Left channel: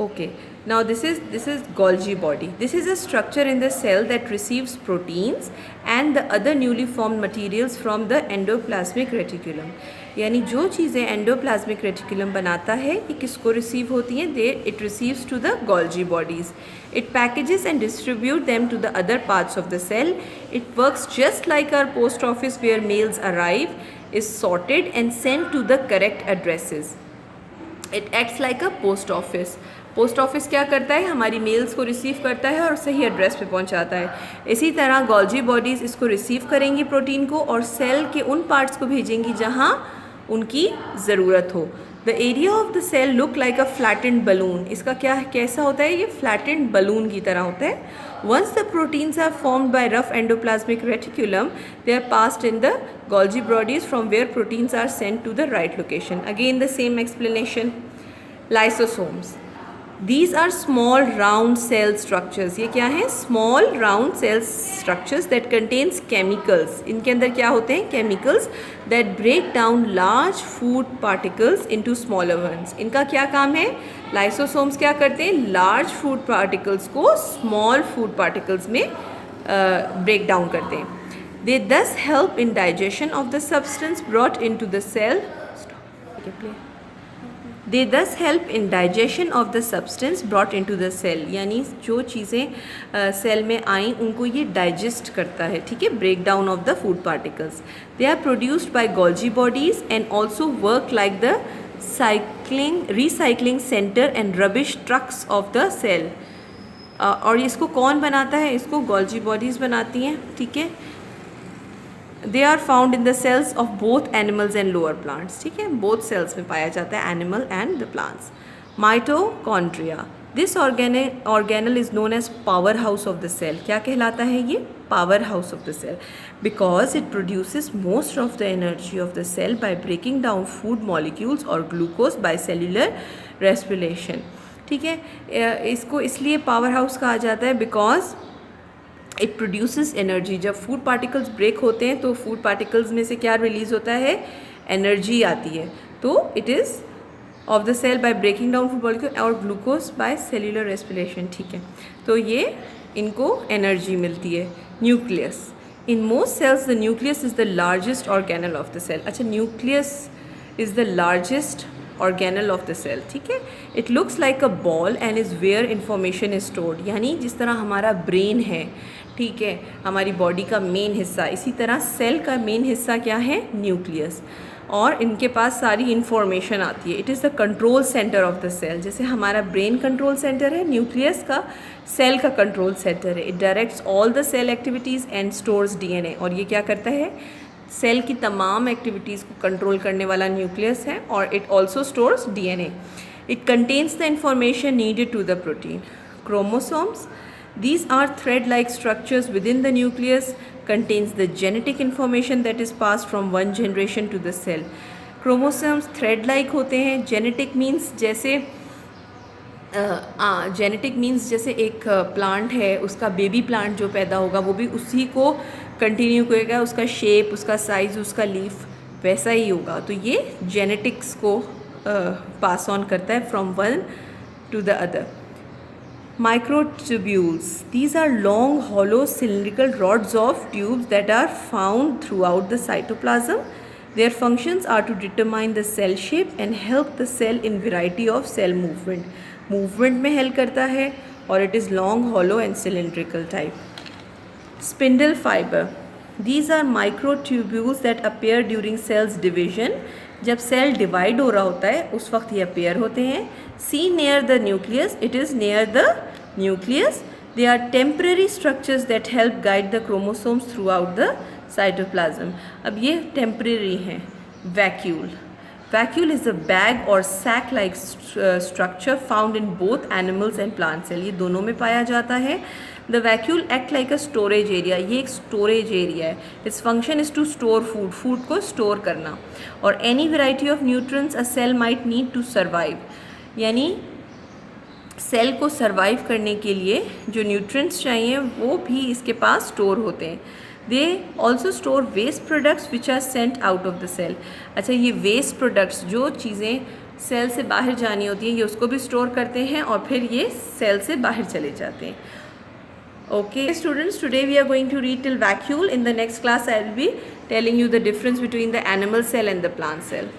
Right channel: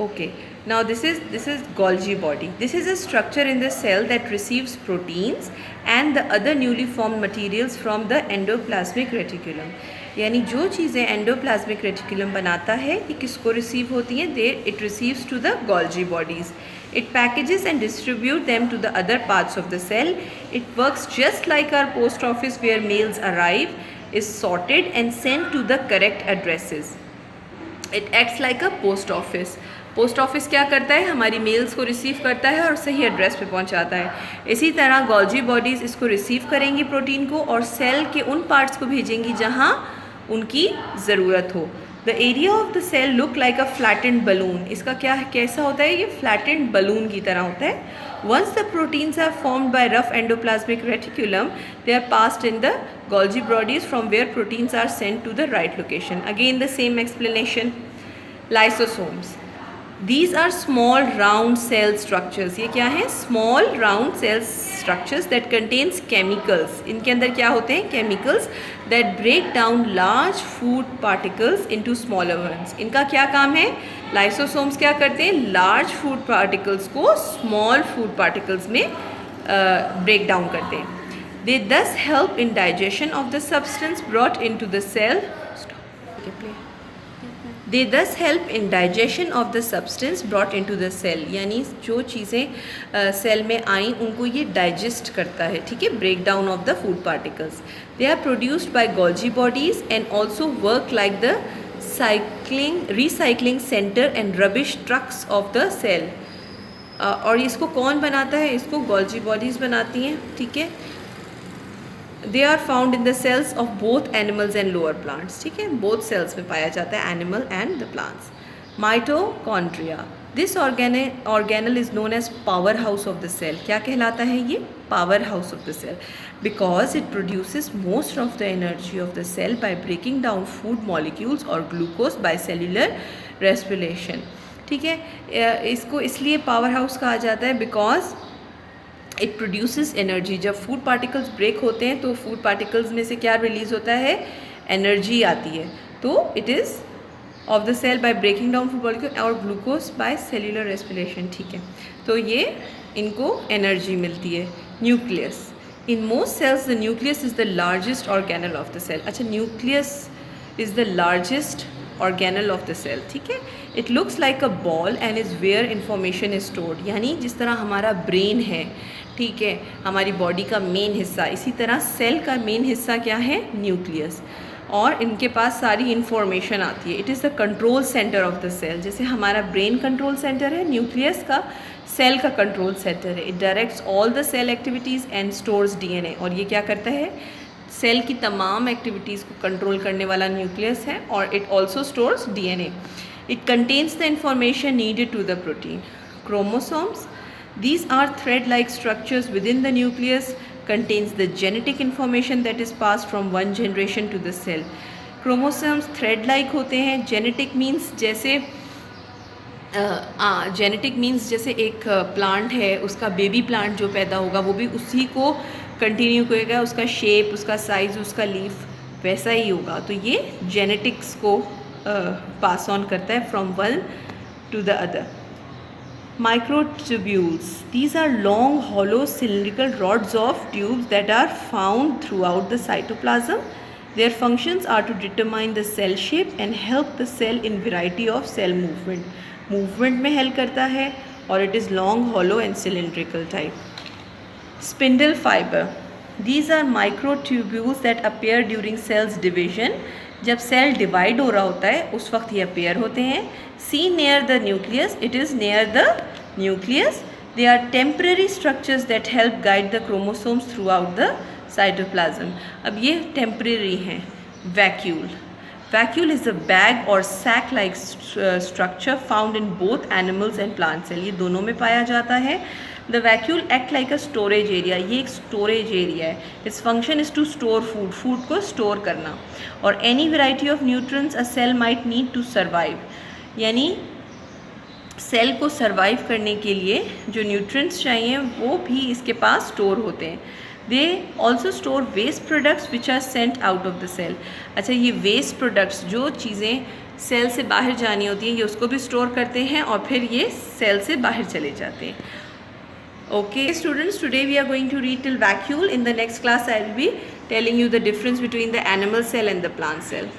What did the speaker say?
Okay, now this is Golgi body. This is a structure in the cell that receives proteins and the other newly formed materials from the endoplasmic reticulum. यानी जो चीज़ें endoplasmic reticulum बनाता है ये किसको receive होती हैं? They it receives to the Golgi bodies. It packages and distribute them to the other parts of the cell. It works just like our post office where mails arrive, is sorted and sent to the correct addresses. It acts like a post office. Post office क्या करता है? हमारी mails को receive करता है और सही address पे पहुंचाता है. इसी तरह गोल्जी बॉडीज़ इसको रिसीव करेंगी प्रोटीन को और सेल के उन पार्ट्स को भेजेंगी जहां उनकी ज़रूरत हो. The area of the cell look like a flattened balloon. इसका कैसा होता है? ये फ्लैटेंड बलून की तरह होता है. Once the proteins are formed by rough endoplasmic reticulum, they are passed in the Golgi bodies from where proteins are sent to the right location. Again the same explanation. Lysosomes. These are small round cell structures. ये क्या है? Small round cell structures that contains chemicals. इनके अंदर क्या होते हैं? Chemicals that break down large food particles into smaller ones. इनका क्या काम है? Lysosomes क्या करते हैं? Large food particles को small food particles में break down करते हैं. They thus help in digestion of the substance brought into the cell. They thus help in digestion of the substance brought into the cell. यानी जो चीज़ें cell में आई उनको ये डाइजेस्ट करता है. ठीक है, break down of the food particles. They are produced by Golgi bodies and also work like the recycling centre and rubbish trucks of the cell. और इसको कौन बनाता है? इसको गोल्जी बॉडीज़ बनाती हैं. ठीक है, they are found in the cells of both animals and lower plants. ठीक है, बोथ सेल्स में पाया जाता है, animal and the plants. Mitochondria. This organelle is known as power house of the cell. क्या कहलाता है ये? Power house of the cell, because it produces most of the energy of the cell by breaking down food molecules or glucose by cellular respiration. ठीक है, इसको इसलिए power house कहा जाता है बिकॉज इट प्रोड्यूसेस एनर्जी. जब food particles break होते हैं तो फूड पार्टिकल्स में से क्या रिलीज़ होता है? एनर्जी आती है. तो it is of the cell by breaking down food molecule और ग्लूकोज बाय सेल्यूलर रेस्पिरेशन. ठीक है, तो ये इनको एनर्जी मिलती है. Nucleus. In most cells the nucleus is the largest organelle of the cell. अच्छा, nucleus is the largest organelle of the cell. ठीक है, it looks like a ball and is where information is stored. यानी जिस तरह हमारा brain है, ठीक है, हमारी बॉडी का मेन हिस्सा, इसी तरह सेल का मेन हिस्सा क्या है? न्यूक्लियस. और इनके पास सारी इन्फॉर्मेशन आती है. It is the control centre of the cell. जैसे हमारा ब्रेन कंट्रोल सेंटर है, न्यूक्लियस का सेल का कंट्रोल सेंटर है. It directs all the cell activities and stores DNA. और ये क्या करता है? सेल की तमाम एक्टिविटीज़ को कंट्रोल करने वाला न्यूक्लियस है. और it also stores DNA. It contains the information needed to the protein. Chromosomes. These are thread-like structures within the nucleus, contains the genetic information that is passed from one generation to the cell. Chromosomes thread-like होते हैं. Genetic means जैसे एक plant है, उसका baby plant जो पैदा होगा वो भी उसी को कंटिन्यू करेगा. उसका शेप, उसका साइज़, उसका लीफ वैसा ही होगा. तो ये जेनेटिक्स को पास ऑन करता है from one two the other. Microtubules. These are long, hollow, cylindrical rods of tubes that are found throughout the cytoplasm. Their functions are to determine the cell shape and help the cell in variety of cell movement. Movement में help करता है और it is long, hollow and cylindrical type. Spindle fiber. These are microtubules that appear during cells division. जब cell divide हो रहा होता है उस वक्त ये अपेयर होते हैं. See near the nucleus. It is near the nucleus. They are temporary structures that help guide the chromosomes throughout the cytoplasm. अब ये temporary हैं. Vacuole. Vacuole is a bag or sac-like structure found in both animals and plant cell. ये दोनों में पाया जाता है. The vacuole act like a storage area. ये एक storage area है. Its function is to store food. Food को store करना. और any variety of nutrients a cell might need to survive. यानी सेल को सर्वाइव करने के लिए जो न्यूट्रिएंट्स चाहिए वो भी इसके पास स्टोर होते हैं. They also store waste products which are sent out of the cell. अच्छा, ये वेस्ट प्रोडक्ट्स जो चीज़ें सेल से बाहर जानी होती है, ये उसको भी स्टोर करते हैं और फिर ये सेल से बाहर चले जाते हैं. Okay students, today we are going to read till vacuole. In the next class I will be telling you the difference between the animal cell and the plant cell.